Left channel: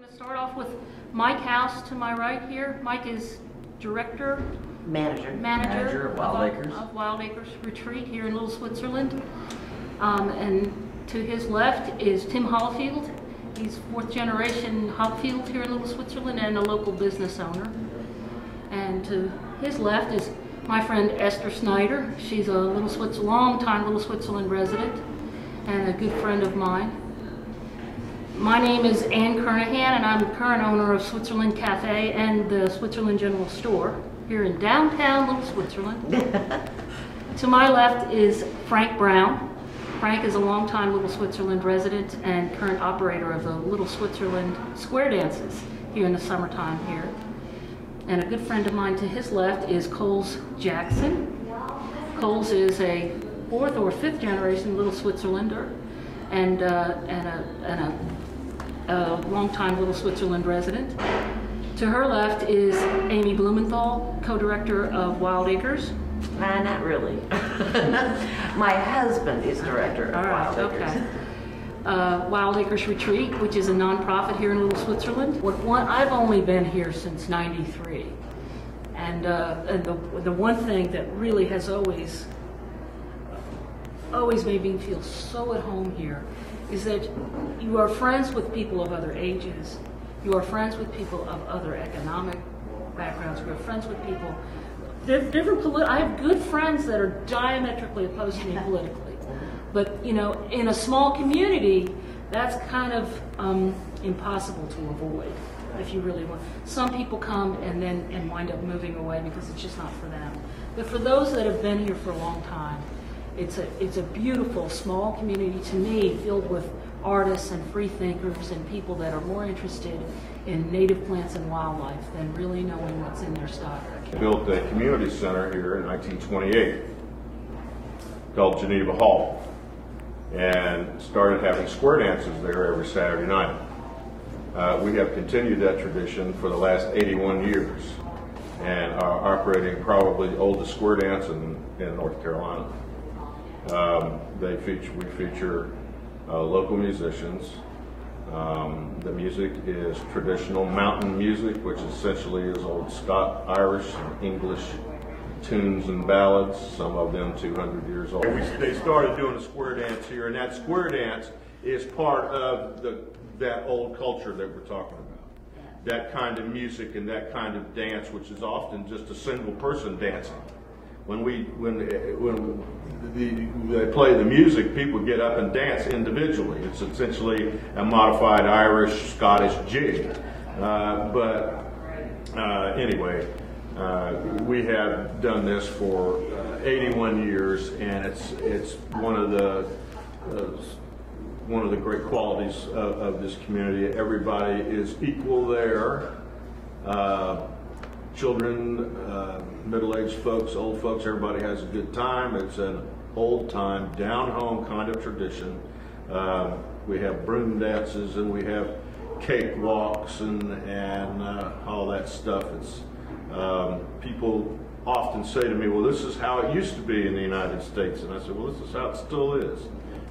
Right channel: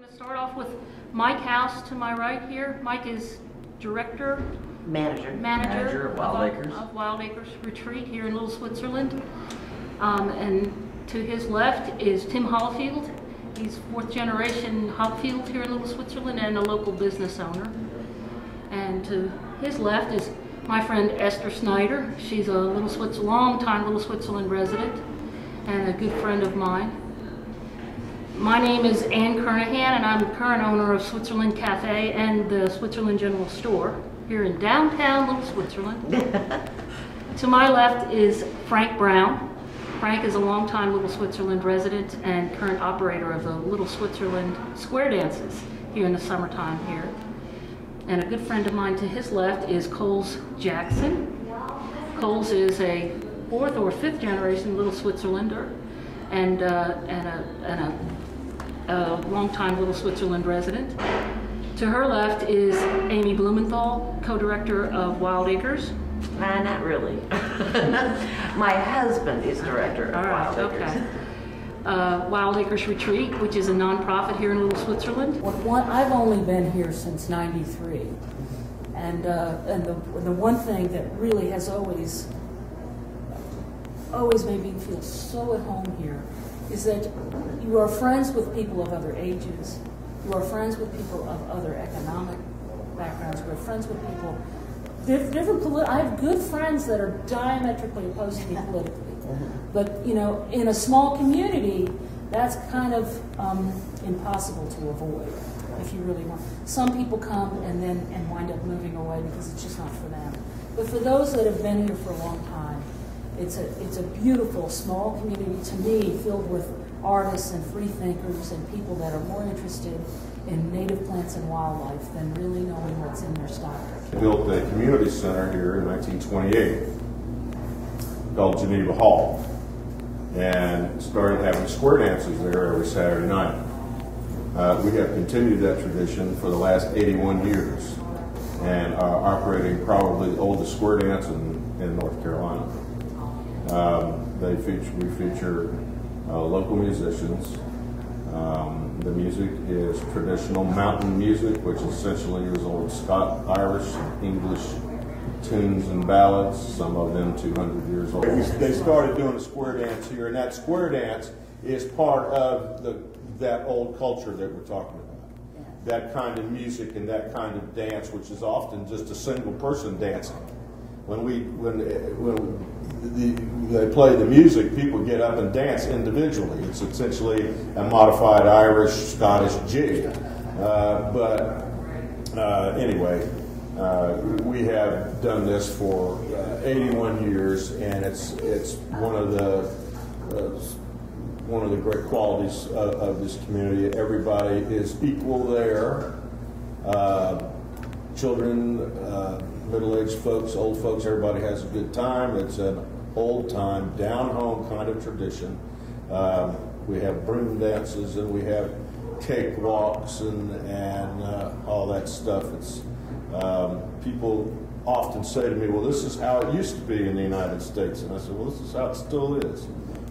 I'm going to start off with Mike House to my right here. Mike is manager of Wild Acres. Of Wild Acres Retreat here in Little Switzerland. And to his left is Tim Hopfield. He's fourth generation Hopfield here in Little Switzerland and a local business owner. And to his left is my friend Esther Snyder. She's a long-time Little Switzerland resident and a good friend of mine. My name is Ann Kernahan, and I'm the current owner of Switzerland Cafe and the Switzerland General Store here in downtown Little Switzerland. To my left is Frank Brown. Frank is a longtime Little Switzerland resident and current operator of the Little Switzerland Square Dances here in the summertime here. And a good friend of mine to his left is Coles Jackson. Coles is a fourth or fifth generation Little Switzerlander and a longtime Little Switzerland resident. To her left is Amy Blumenthal, co-director of Wild Acres. Not really. My husband is director of Wild Acres. Wild Acres Retreat, which is a nonprofit here in Little Switzerland. I've only been here since '93, and the one thing that really has always made me feel so at home here is that you are friends with people of other ages, you are friends with people of other economic backgrounds, you are friends with people I have good friends that are diametrically opposed to me politically. But, you know, in a small community, that's kind of impossible to avoid if you really want. Some people come and wind up moving away because it's just not for them. But for those that have been here for a long time, it's a beautiful small community to me, filled with artists and free thinkers and people that are more interested in native plants and wildlife than really knowing what's in their stock. Built a community center here in 1928 called Geneva Hall and started having square dances there every Saturday night. We have continued that tradition for the last 81 years and are operating probably the oldest square dance in North Carolina. We feature local musicians. The music is traditional mountain music, which essentially is old Irish and English tunes and ballads, some of them 200 years old. They started doing a square dance here, and that square dance is part of that old culture that we're talking about. That kind of music and that kind of dance, which is often just a single person dancing. When they play the music, people get up and dance individually. It's essentially a modified Irish, Scottish jig. Anyway, we have done this for 81 years, and it's one of the great qualities of this community. Everybody is equal there. Children, middle-aged folks, old folks, everybody has a good time. It's an old-time, down-home kind of tradition. We have broom dances and we have cake walks and all that stuff. It's people often say to me, well, this is how it used to be in the United States. And I said, well, this is how it still is.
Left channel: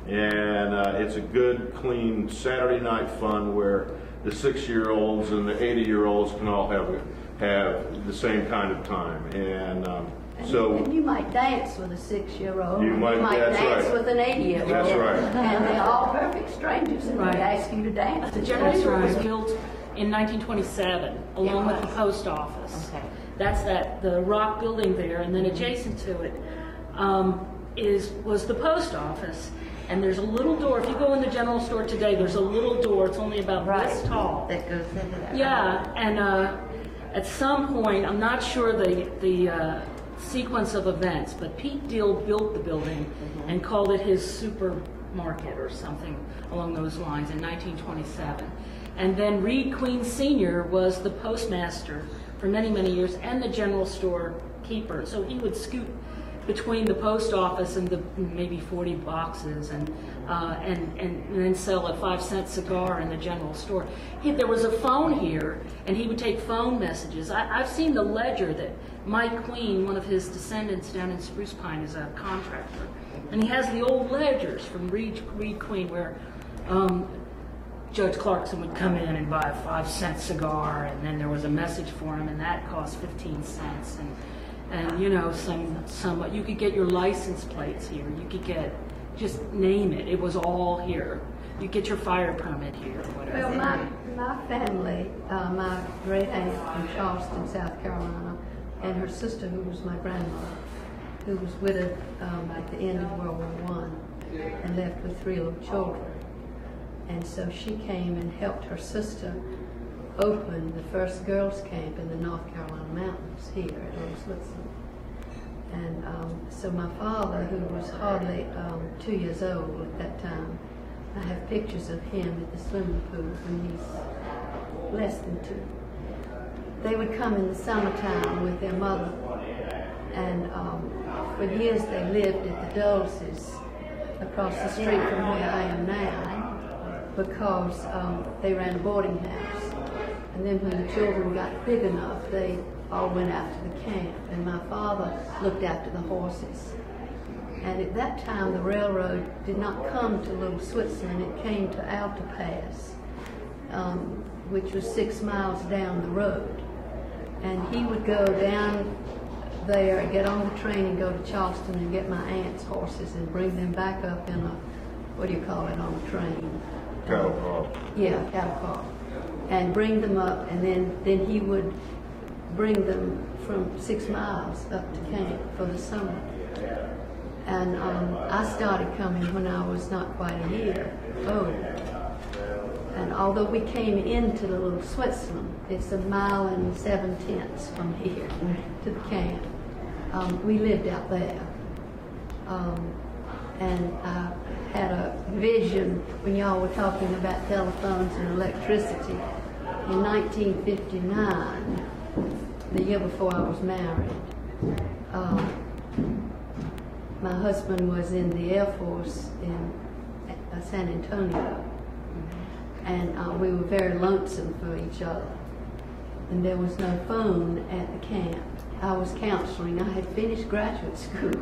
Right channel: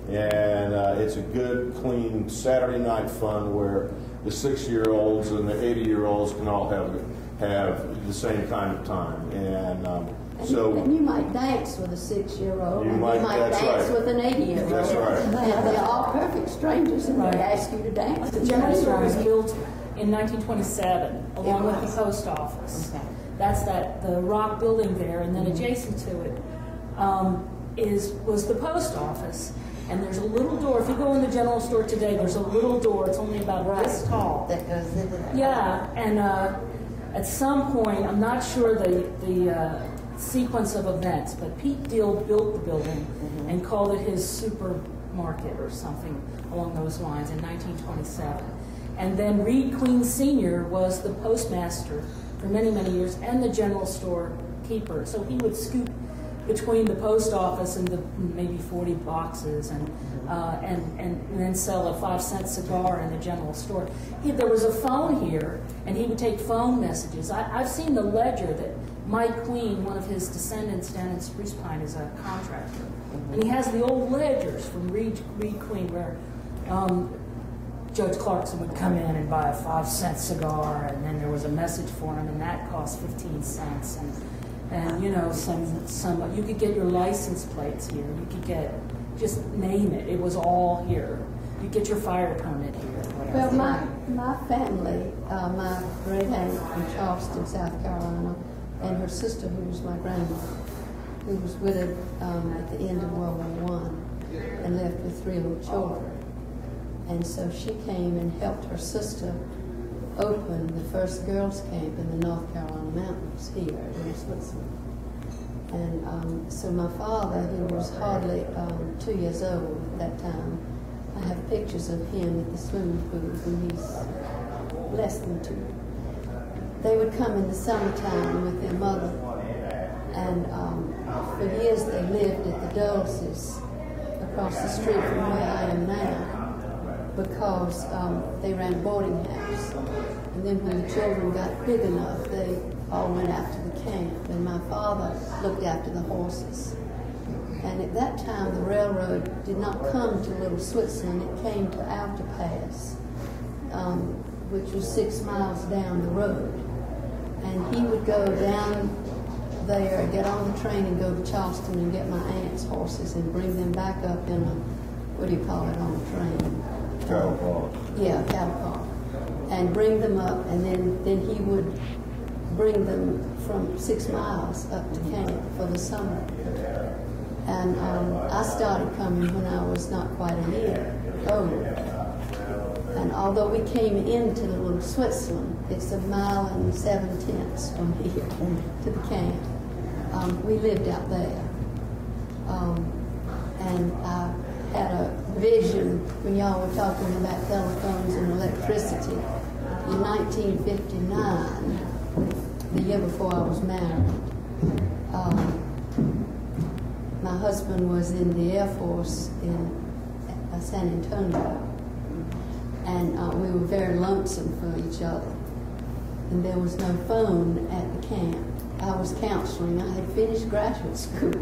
And it's a good, clean Saturday night fun where the 6-year-olds and the 80-year-olds can all have the same kind of time. And you might dance with a 6-year-old, you and you might dance with an 80-year-old. That's right. And they're all perfect strangers, and they ask you to dance. The General Store was built in 1927, along with the post office. Okay. That's the rock building there, and then adjacent to it was the post office. And there's a little door. If you go in the General Store today, there's a little door. It's only about this tall. That goes into that. Yeah, and at some point, I'm not sure the sequence of events, but Pete Deal built the building and called it his supermarket or something along those lines in 1927. And then Reed Queen Sr. was the postmaster for many, many years and the General Store keeper. So he would scoot between the post office and the maybe 40 boxes and then sell a 5-cent cigar in the General Store. There was a phone here, and he would take phone messages. I've seen the ledger that Mike Queen, one of his descendants down in Spruce Pine, is a contractor. And he has the old ledgers from Reed Queen where Judge Clarkson would come in and buy a 5-cent cigar, and then there was a message for him, and that cost 15 cents. And you know, some you could get your license plates here. You could get, just name it. It was all here. You get your fire permit here, whatever. Well, my family, my great aunt from Charleston, South Carolina, and her sister, who was my grandmother, who was widowed at the end of World War I and left with 3 little children. And so she came and helped her sister open the first girls' camp in the North Carolina mountains here at LittleSwitzerland. And so my father, who was hardly 2 years old at that time, I have pictures of him at the swimming pool when he's less than 2. They would come in the summertime with their mother, and for years they lived at the Dulces across the street from where I am now, because they ran a boarding house. And then when the children got big enough, they all went out to the camp, and my father looked after the horses. And at that time, the railroad did not come to LittleSwitzerland. It came to Alta Pass, which was 6 miles down the road. And he would go down there, get on the train and go to Charleston and get my aunt's horses and bring them back up in a, what do you call it on the train? Cattle car. Yeah, cattle car. And bring them up, and then he would bring them from 6 miles up to camp for the summer. And I started coming when I was not quite a year old. And although we came into the LittleSwitzerland, it's 1.7 miles from here to the camp. We lived out there. And I had a vision when y'all were talking about telephones and electricity. In 1959, the year before I was married, my husband was in the Air Force in San Antonio, and we were very lonesome for each other. And there was no phone at the camp. I was counseling. I had finished graduate school.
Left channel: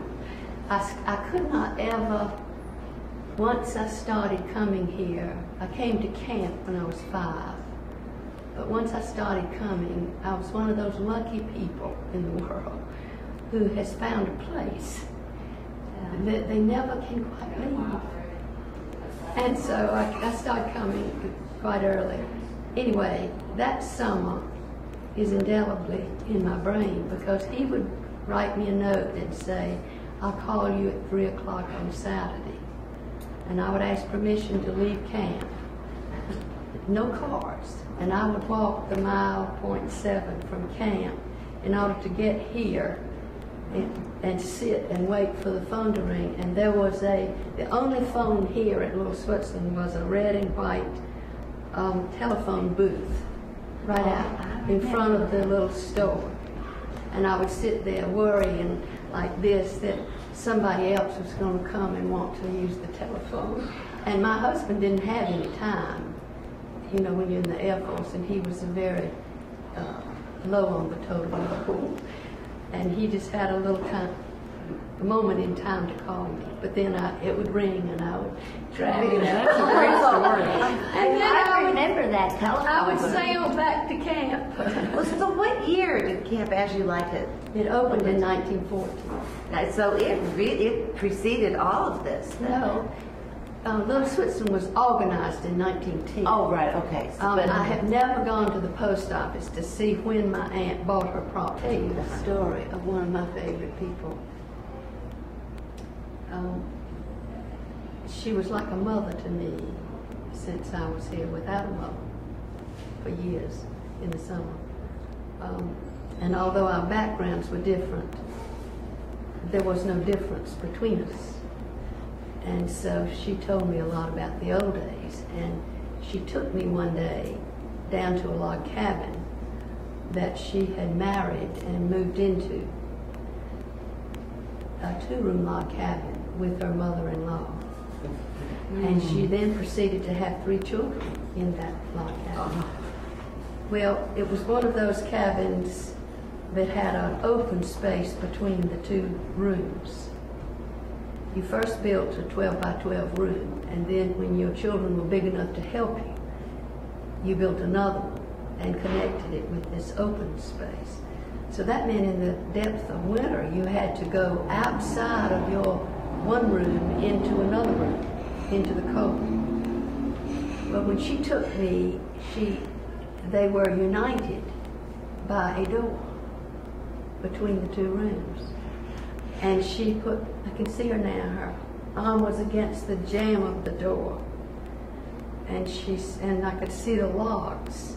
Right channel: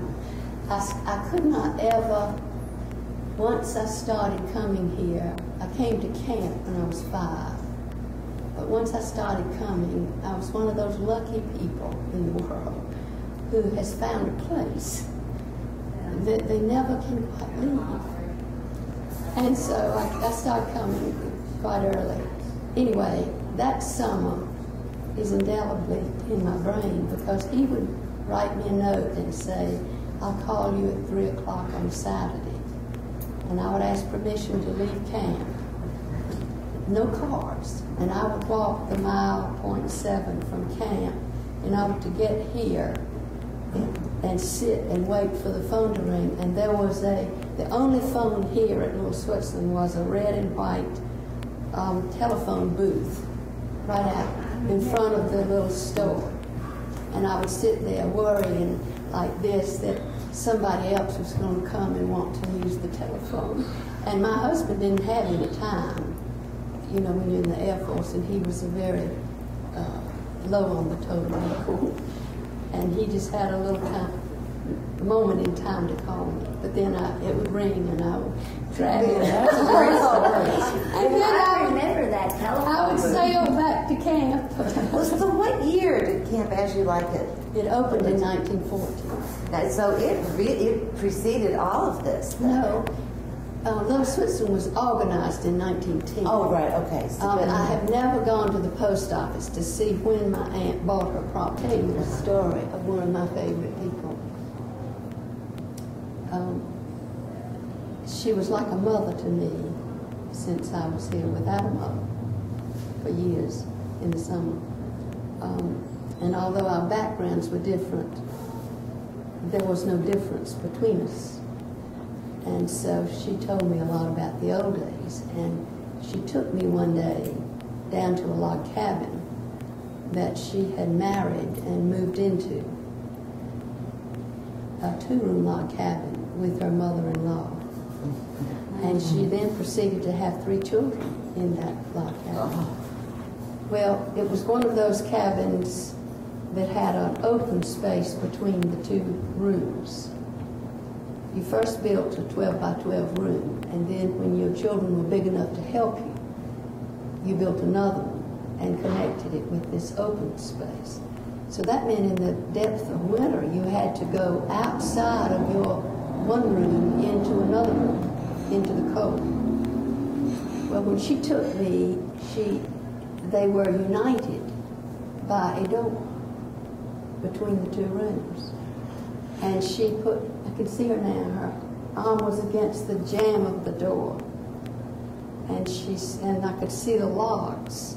I could not ever, once I started coming here, I came to camp when I was 5. But once I started coming, I was one of those lucky people in the world who has found a place. They never can quite leave. And so I started coming quite early. Anyway, that summer is indelibly in my brain, because he would write me a note and say, I'll call you at 3 o'clock on Saturday. And I would ask permission to leave camp. No cars. And I would walk the 1.7 miles from camp in order to get here and sit and wait for the phone to ring. And there was the only phone here at LittleSwitzerland was a red and white telephone booth right out in front of the little store. And I would sit there worrying like this that somebody else was going to come and want to use the telephone. And my husband didn't have any time, you know, when you're in the Air Force, and he was a very low on the totem pole. And he just had a little time, a moment in time to call me. But then it would ring and I would drag it. That's a great story. And then I remember that telephone. I would sail back to camp. So what year did Camp As You Like It? It opened in 1940. So it preceded all of this. No. LittleSwitzerland was organized in 1910. Oh, right, okay. So I have never gone to the post office to see when my aunt bought her property. I'll tell you the story of one of my favorite people. She was like a mother to me since I was here without a mother for years in the summer. And although our backgrounds were different, there was no difference between us. And so she told me a lot about the old days. And she took me one day down to a log cabin that she had married and moved into, a 2-room log cabin with her mother-in-law. And she then proceeded to have 3 children in that log cabin. Well, it was one of those cabins that had an open space between the 2 rooms. You first built a 12 by 12 room, and then when your children were big enough to help you, you built another one and connected it with this open space. So that meant in the depth of winter, you had to go outside of your one room into another room, into the cold. Well, when she took me, they were united by a door between the two rooms. And she put, I can see her now, her arm was against the jamb of the door. And I could see the logs.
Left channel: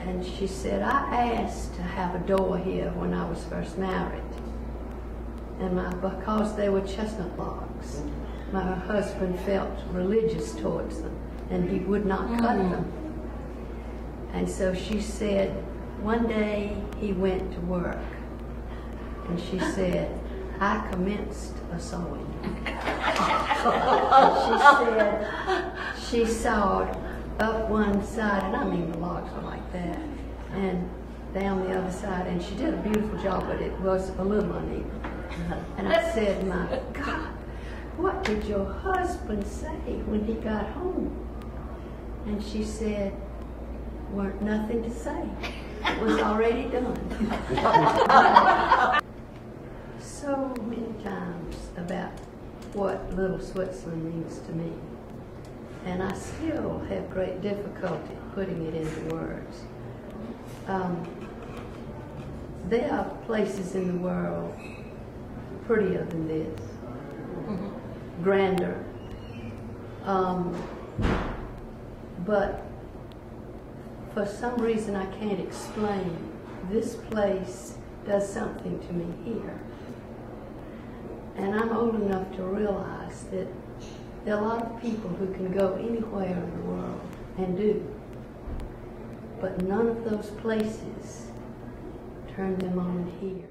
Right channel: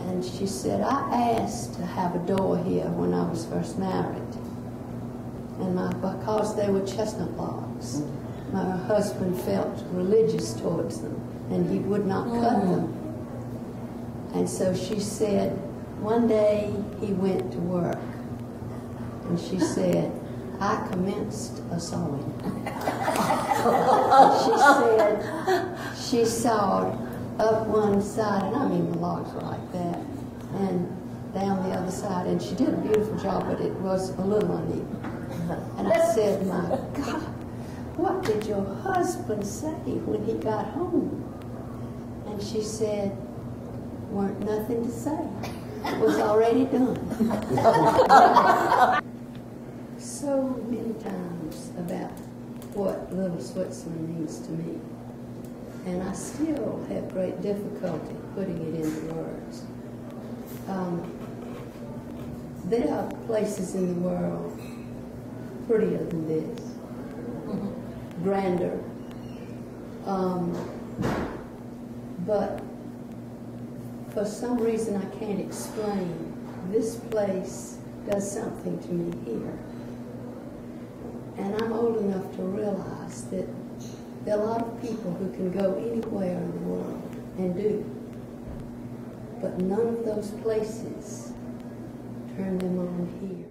And she said, I asked to have a door here when I was first married. And because they were chestnut logs, my husband felt religious towards them, and he would not cut them. And so she said, one day he went to work, and she said, I commenced a sewing. And she said she sawed up one side, and I mean the logs were like that, and down the other side, and she did a beautiful job, but it was a little uneven. And I said, my God, what did your husband say when he got home? And she said, weren't nothing to say. It was already done. So many times about what Little Switzerland means to me. And I still have great difficulty putting it into words. There are places in the world prettier than this, grander, but for some reason I can't explain, this place does something to me here. And I'm old enough to realize that there are a lot of people who can go anywhere in the world and do, but none of those places turn them on here.